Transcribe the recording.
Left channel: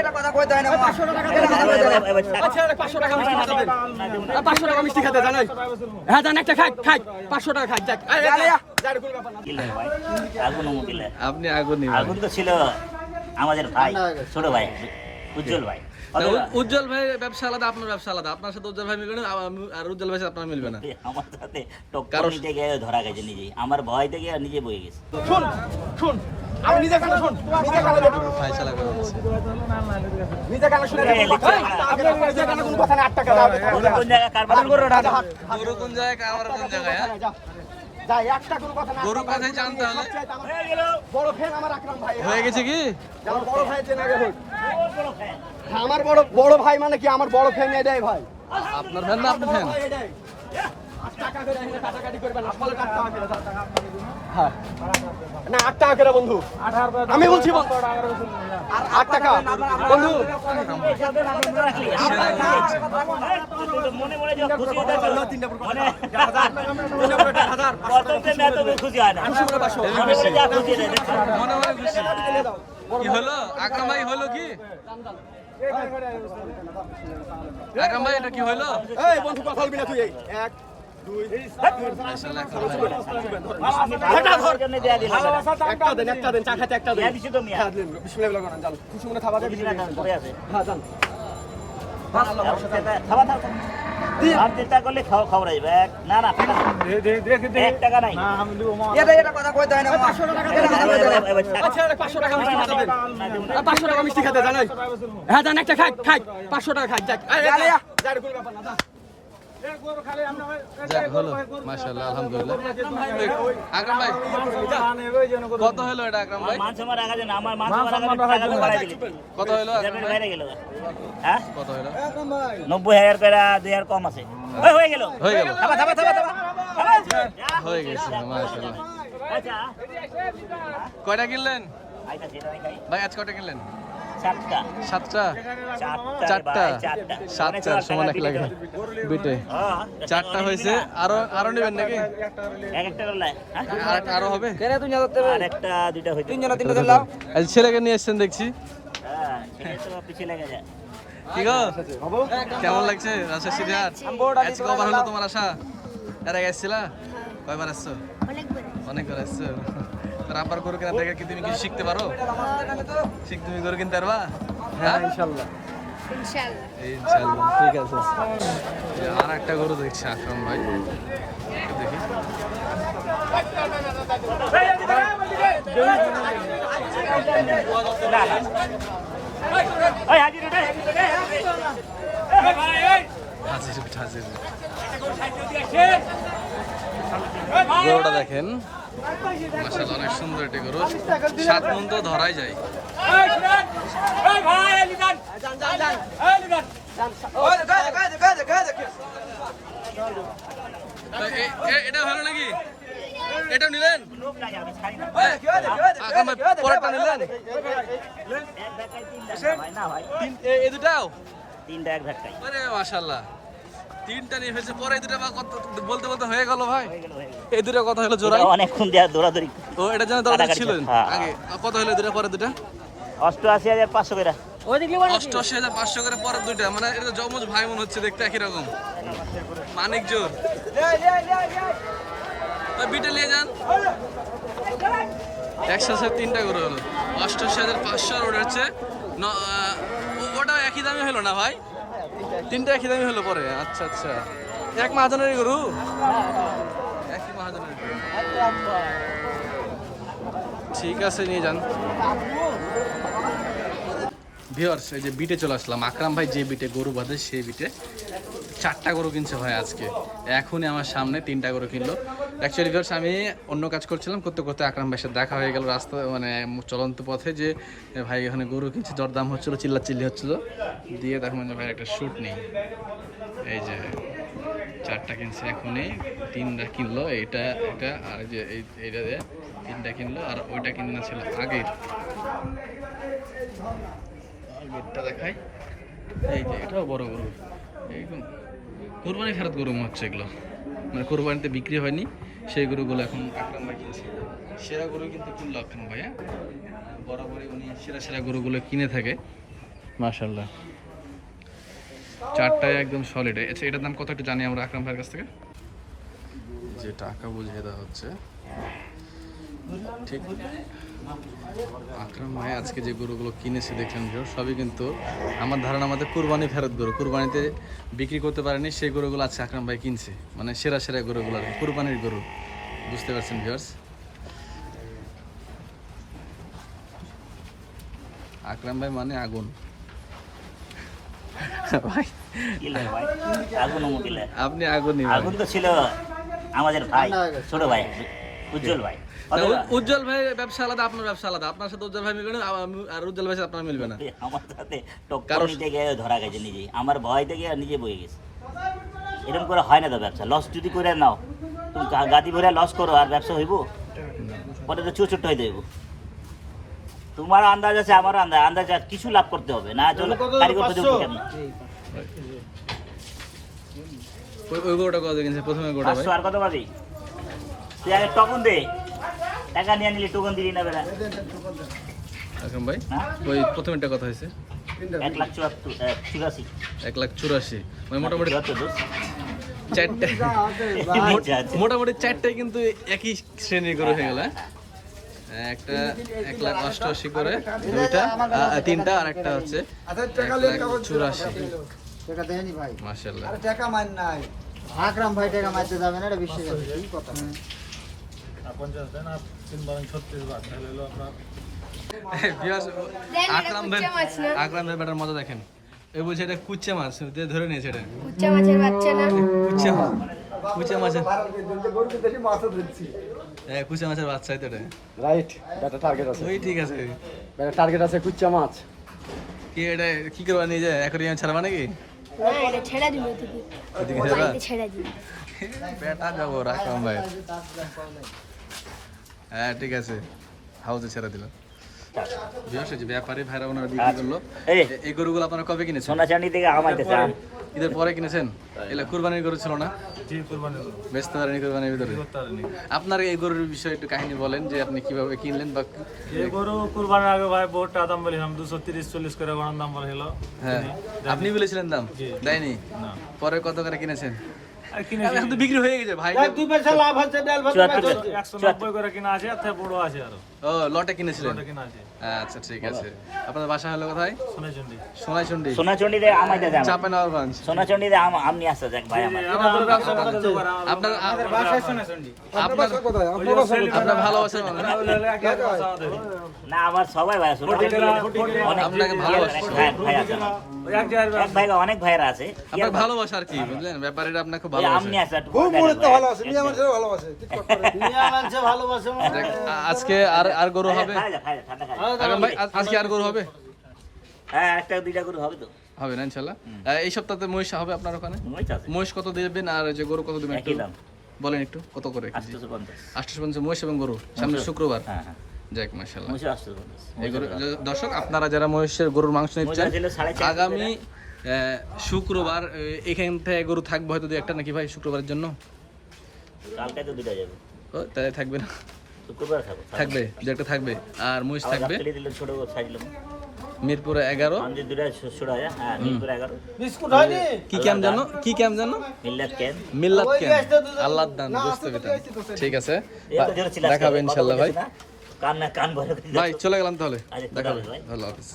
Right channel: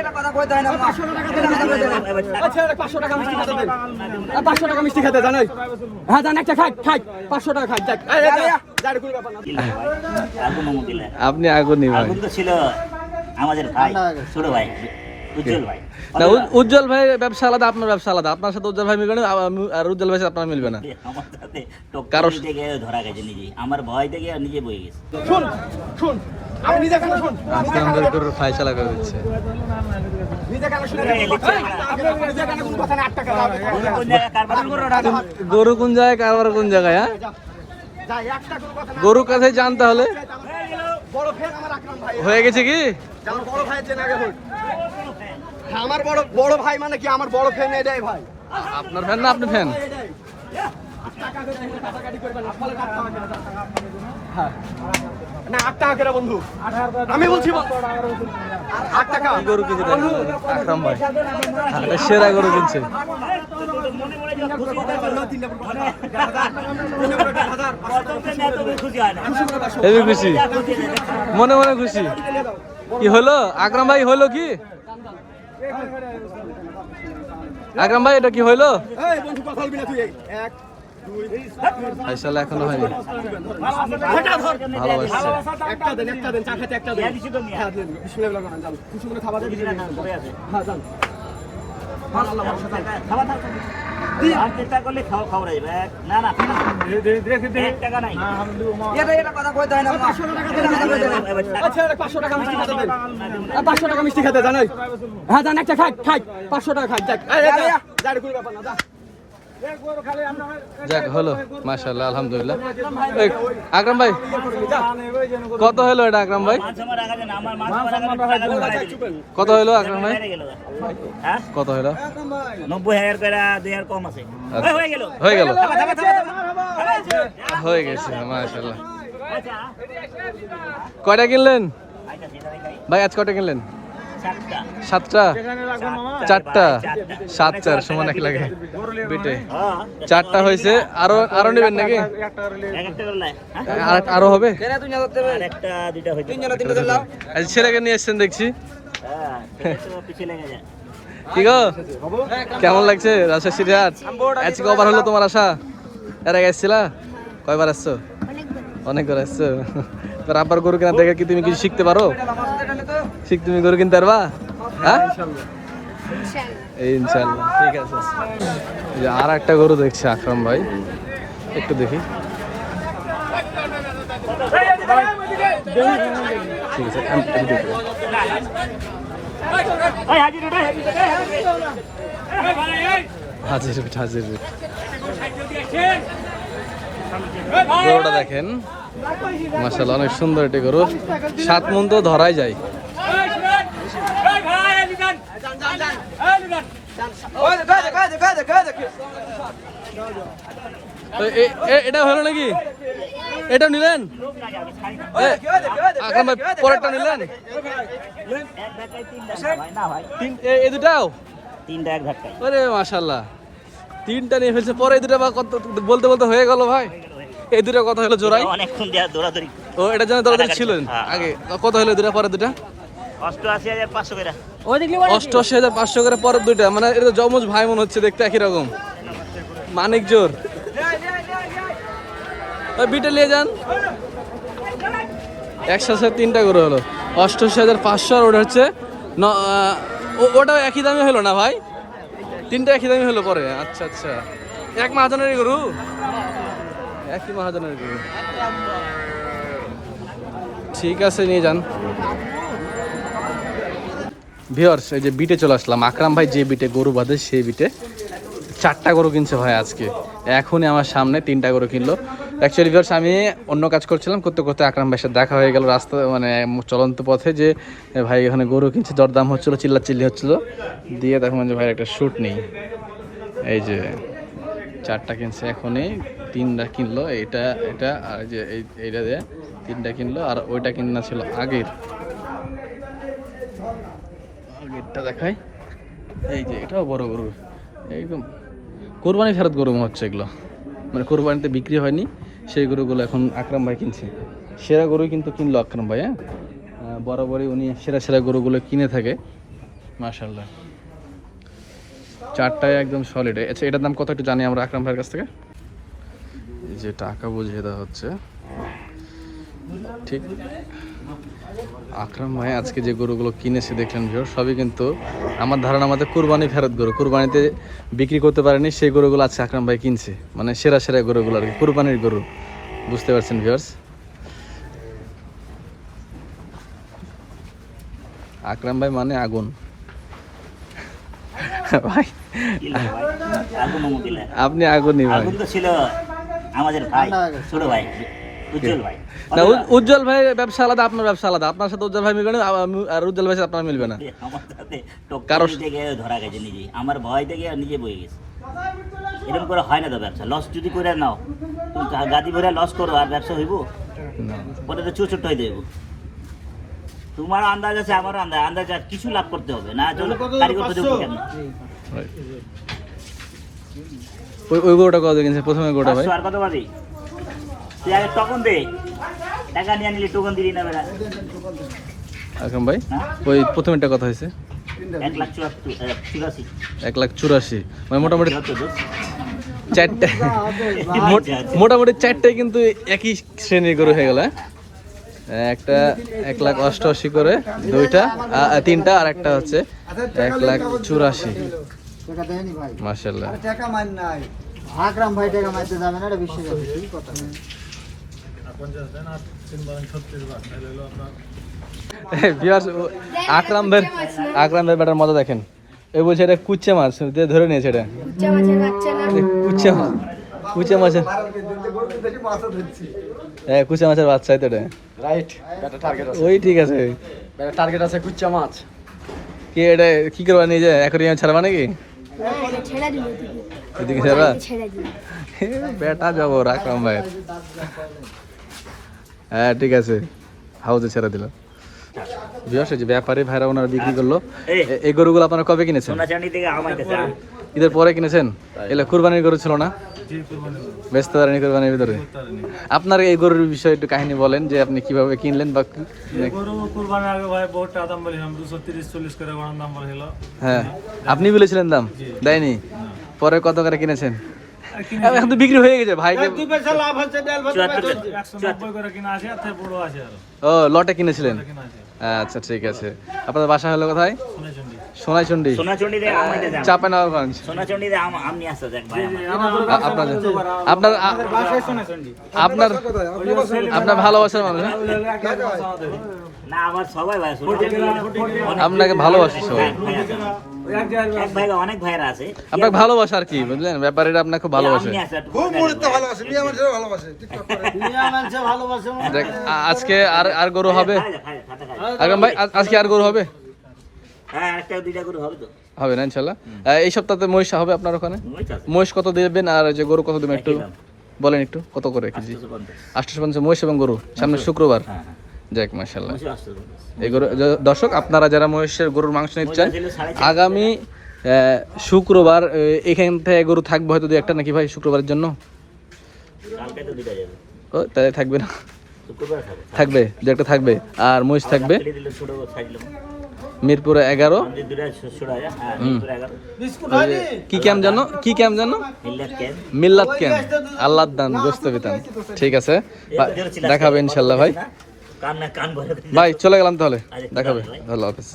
এটা কথা কইতে হয় না 500 টাকা আচ্ছা 500 টাকা মিষ্টি খেতে দেন 500 টাকা মিষ্টি খেতে জানাই হ্যাঁ জান একটা খাই 500 টাকা খাই যাক গাড়ি করে ব্যাপার না আগুন দিলেন আপনি আগুনই ভাই। আগুন তো ছিল আমাদের ভাই ছোট ভাই উজ্জ্বল ভাই না উজ্জ্বল ভাই ব্যবসা আলাদা, আপনার ব্যবসা আলাদা। আপনার সাথে উজ্জ্বল ভাই মিলবে না, আর উজ্জ্বল ভাই সাথে আপনার মিলবে না। আমার সাথে কারো টক্কর দিতে গিয়ে ধরা গেছে নিজেই, আমার ভয় থেকে নিজে বয়ে গেছে। শুন আমি নিজে কেন শুন আমাদের গরুর ফায়সালা করে দিচ্ছে। নিজে কেন শুনে আপনি নিজে কেন কোন কথা না 8 টাকা কোন জায়গায় কারবার গরু কোন জায়গায় কারবার কোন জায়গায়? হ্যাঁ যা একটা কোন কথা না গরুর কাছে জানতে হলে বড় ফ্যান আমার আকরাম ভাই হয়ে গেছে কি আমার বড় ভাই চেনা আগে আমার বড় ভাই মানে কি আমার বড় ফ্যান এটাই ভাই আপনার ফ্যান না আপনি ফ্যান? টাকা করে কাটাকাটি করবেন আসলে টাকা হ্যাঁ না 8 টাকা করে বন্ধু আমি বলছি আর 8 টাকা গরু কিনছে আকরাম ভাই সেরা গরু কিনছে। মনে মনে যা খুশি খুশি হয় না হেবি খুশি, মনে মনে খুশি। কি হলো আকরাম ভাই, হলো কি আকরাম ভাই, এটা কি হইলো? এই বন্ধু কথা বলবি না তুই 1 2 ফায়সালা এখনো হয়নি। একটা দেন চা খেতে একটা দেন হ্যাঁ দেন বিসমিল্লাহ বলেন যান খুশি মনে খাবার দিবেন হ্যাঁ যান সুবহানাল্লাহ আর চেষ্টা করলে খাওয়া যাবে না না 1 টাকা নাই এটা কথা কইতে হয় না 500 টাকা আচ্ছা 500 টাকা মিষ্টি খেতে দেন 500 টাকা মিষ্টি খেতে জানাই হ্যাঁ জান একটা খাই 500 টাকা খাই যাক গাড়ি করে ব্যাপার না যা যাক হলো মাশাআল্লাহ আলহামদুলিল্লাহ। আকরাম ভাই কত হলো এটা আকরাম ভাই? কত হলো আকরাম ভাই? কত হলো? 90,000 করে 2,000 কম আছে। হয়ে গেল হয়ে গেল, থামা হয়ে গেছে মাশাআল্লাহ। কয়টা কিনলেন ভাই আজ? কয়টা কিনলেন? 7টা 4টা 7 4 সমান এক লাগে বিটে 4টা হয়েছে। আরো নেবেন নাকি? আরো হবে? আরেকটা দুইটা হইতো আজ ছেলেকে নিয়ে এসেছেন দেখছি। হ্যাঁ সেটা তো পিছে লেগে যায়। কি গো কেমন লাগছে রাজশাহী সিরিয়াট? আজকে কবার হলো তোমার আসা? এর আগে এসেছিলা? কয়বার আসছো? অনেকবার আসছো। তোর আব্বার গরু কেনা দেখে কি তুমি কিছু শিখতে পারো? তুমি গরু কিনতে পারবা? হ্যাঁ ইনশাআল্লাহ ঠিক আছে। আর একটা গরু দেখছি আকরাম ভাই, একটু দেখি। ঠিক আছে হাজির পিঠ হাজির পিঠ। গরুটা দেখেন মাশাআল্লাহ অনেক সুন্দর একটি গরু। 7 মণ তো ধরাই যায়। এটা হলো নাকি? এটা নিলেন? আকরাম ভাই পরেরটা নিলেন? এই দুটাও? 3টা এক ঘাটটা। আরে মাশাআল্লাহ 3টা নিয়ে ফেলছে। পরে এই দুটা বা কত বলতে বলতে হয়ে গেল ভাই। এই দুটা কত হলো জোড়াই? অনেকক্ষণ দেয়া দৌড়াদৌড়ি। ও এটা জানা দরকার ছিল আগে। কত হলো দুটা পরে দুটা? 88,500 করে। 88,500 করে পরের দুইটা। মানে এটা তো যমজ ভাই মনে হচ্ছে দেখতে একই রকম। মানিক জোর ওই বিটে নিয়ে যান। একসাথে 3টা করে হলো 88,500। আর ওটা হচ্ছে ওটাও একই দামে হলো না ভাই? 3টা একই দামে হলো পরে? আচ্ছা আচ্ছা এক মহাজনের গরু, একই মহাজনের গরু। ঠিক আছে নিয়ে যান। ভিউয়ার্স এই যে বিটে চলে আসলাম। আকরাম ভাই যে বিটে গরু বাঁধে সেই বিটে 4টা গরু কিনছে ভাই আজকে। এখনই আমার সামনে 3টা গরু কিনলো। অ্যাকচুয়ালি ভিউয়ার্স আমি অন্য কাজ করছিলাম, করতে করতে আকরাম ভাইয়ের সাথে দেখা হয়ে গেল রাস্তা মানে চলন্ত পথে, যে ভাই এখানে গরু কিনছে, দরদাম হচ্ছিলো, চিল্লাচিল্লি হচ্ছিলো। দিয়ে তখন যে ভাই একটা শ্যুট নেই। এই যে 4টা কিনছে এখনই, 3টা কিনলো। এটা এটা আর যে এইটা দিয়ে 3টা কিনলো। আর ওইটা কিনা ছিল আগেরটা দেখাই। এই যে এটাও বড় গরু, একদম কোরবানি ফেরত গরু হচ্ছে এগুলো, মানে কোরবানিতে বিক্রি হয়নি সেই গরুগুলো এখন আকরাম ভাই কিনছে। সেরা গরু কিন্তু কিনলো আকরাম ভাই। হ্যাঁ বরাবরই উনি সেরা সেরা গরুগুলো কিনে থাকে। মাশাআল্লাহ, চারটায় একদম সলিড। আচ্ছা, এটার দাম কত একটু জানি আমরা আকরাম ভাইয়ের কাছ থেকে। এই যে টাকা বুঝিয়ে দেওয়া হচ্ছে, ঠিক। আকরাম ভাই আজকে যে গরুগুলো কিনেছে দেখলেন ভিউয়ার, সবই কিন্তু আমার ধারণা আমাদের কুরবানি ফেরত গরু, কুরবানিতে বিক্রি করতে পারেনি সেই গরুগুলো আজকে আকরাম ভাই কিনছে, মানে সেরা সেরা গরুগুলো আর কি, কুরবানির গরু, বুঝতে পারছেন ভিউয়ার্স। আকরাম ভাই মানে আগুন ভাই, কি লাগে ভাই? আগুন মুদিলে আপনি আগুনই ভাই। আগুন তো ছিল আমাদের ভাই, ছোট ভাই উজ্জ্বল ভাই। না, উজ্জ্বল ভাই ব্যবসা আলাদা, আপনার ব্যবসা আলাদা। আপনার সাথে উজ্জ্বল ভাই মিলবে না, আর উজ্জ্বল ভাই সাথে আপনার মিলবে না। আমার সাথে টক্কর দিতে গিয়ে ধরা গেছে নিজেই, আমার ভয় থেকে নিজে বয়ে গেছে। এরকম করে হয় না তো ব্যবসা, লস যদি করে নাও তুমি গাদি ভরে লস করো আর ব্যবসা হইব, পরে তো ছোট হয়ে দেবো। তোমার আন্দাজ আছে, আমার আন্দাজ আছে, কিছু লাভ করতে হবে না, চলো কারিগর তো দেবো কেন। ওই গরুটা কত কিনছে প্রথমে গরুটা ভাই? 500 আর কত পাবি? তুই আগে টোকন দে, টাকা নিয়ে নিলি টোকন দিলি না বেলা। আকরাম ভাই হ্যাঁ? ওই প্রথমেরটা কত হয়েছে? 1,84,000। 1,84,000, মানে মোটামুটি 74 চারটে, মোটামুটি চারটায় কিন্তু একই শ্রেণীর গরু হয়ে গেল। একটা 1,88,000 করে, দুইটা তিনটা, আর একটা হচ্ছে 1,84,000। টাকা দেয়নি ভাই, মাশাআল্লাহ। টাকা মান নাই। আকরাম ভাই টাকা মারতে যাবে না, এটা বিশ্বাস আছে, কি কথা না। ভিউয়ার্স, আকরাম ভাই বেটার মজা দেখেন। এই বলছে এটা কুচ্চা মাছ, দিয়ে ধরে নিয়েছে এটা কুচ্চা মাছের বাচ্চা না, কুচ্চা মাছ, কুচ্চা মাছের, হ্যাঁ কুচ্চা মাছের বাচ্চাই তো এটা। রাইট, এটা টার্গেট আছে, ওই ঠিক আছে, এটা টার্গেট আছে কুচ্চা মাছ। কি এটা কি করবা নিয়ে যায় অ্যাকোয়ারিয়ামে ছাড়বা নাকি? না এটা ছেড়ে দিবি তুই, এদিকে ছাড়বা? ছেড়ে দিবি। বেটা যাবো আকরাম ভাই। হ্যাঁ ঠিক আছে, হাউজে ছেড়ে দিল। ভিউয়ার্স, যে ব্যাপারী ভাইরা ওনারা বিক্রি করলো, এই গরুগুলো আপনারা কবে কিনেছেন? সোনাচাঁদি থেকে আমাইতেছে। ঈদের পরে কিনেছেন? এগুলো কুরবানির গরু ছিল না? বেচতে পারেনি কুরবানির ভিতরে। আপনার এই গরুর বিষয়ে একটু কাহিনী বলেন, যে আপনি কিভাবে কিনলেন বা গরু কুরবানির আগে ভাই বহুত টাকা দাম বলেছিলাম, 230-40 করে গরুর দাম বলেছিল। হ্যাঁ, আপনি বলেছিলেন দাম, দেয়নি? পরে কত করে কিনেছেন? এখন তো বিক্রি হয়ে গেছে ভাই। 190 করে কিনা আছে, আর তার বড় আছে আরো ও লটে কিনেছিলেন? কিনা আছে। আচ্ছা ঠিক আছে। আপনার বাসা হলো কোথায়? সোনাচন্ডী। সোনাইচন্ডী, সোনাচন্দি থেকে আমাইতে যান। চাঁপাইনবাবগঞ্জ। সোনাচন্দি থেকে আমনি আসতে যাক ভাই আমার। আপনার আপনার আপনার ভালোবাসার মানুষ না? না আমার সবাই ভাই সোনাচন্দি আপনাকে ভালোবাসে সবাই। ভাই আছে আমার। এক ভাই অনেক ভাইরা আছে। আপনাকে ভালোবাসা আর কি, বুঝলেন? ব্যাপারীরা আপনাকে খুব ভালোবাসে। আমনি আছে খুব মুহূর্তে ভালোবাসে, মিয়া মানুষের ভালোবাসে, দেখ, আজকে আর গরু হবে? আকরাম ভাই আজকে আর গরু হবে? হ্যাঁ একটা দুইটা করে হবে তো। হবে না ইনশাল্লাহ। এই সপ্তাহে মহিষ হবে আপনার ওখানে? মহিষ আছে। মহিষ কত দেবেন আর যে গরু কত দেবেন একটু একই দাম। বলেন, একটু কত করে কেজি? 850। 850 মহিষ এবং গরু, সামনে শুক্রবার। হ্যাঁ হ্যাঁ। যাক মাশাআল্লাহ। মহিষ 850। এই গরু দর্শক, আপনারা যারা মহিষের গরুর মাংস নিতে চান, আগামী শুক্রবার এখান থেকে গরু থাকবে হয়তো দু একটা, নাকি ভাই শুক্রবারের জন্য? কালকে তো দুটো যাবে। ও তাহলে থাকবে না? শুক্রবার খাবো। থাকবে, দু একটা থাকবে। আর মহিষ থাকবে কেটে দিলে ছোট সাইজলো। মিরপুরে 11। আমি দুটো ছোড়া যায়। হ্যাঁ মিরপুর 11। কি ক্যাম্প জানো? কি ক্যাম্প জানো? মিল্লাত ক্যাম্প। মিল্লাত ক্যাম্প, আল্লাহ দান গোস্ত বিতান। ঠিক আছে, দেখাবে ইনশাল্লাহ ভাই। কান না কান ভরে। ভাই চলে গেলাম তাহলে, দেখাবে। আল্লাহ হাফেজ।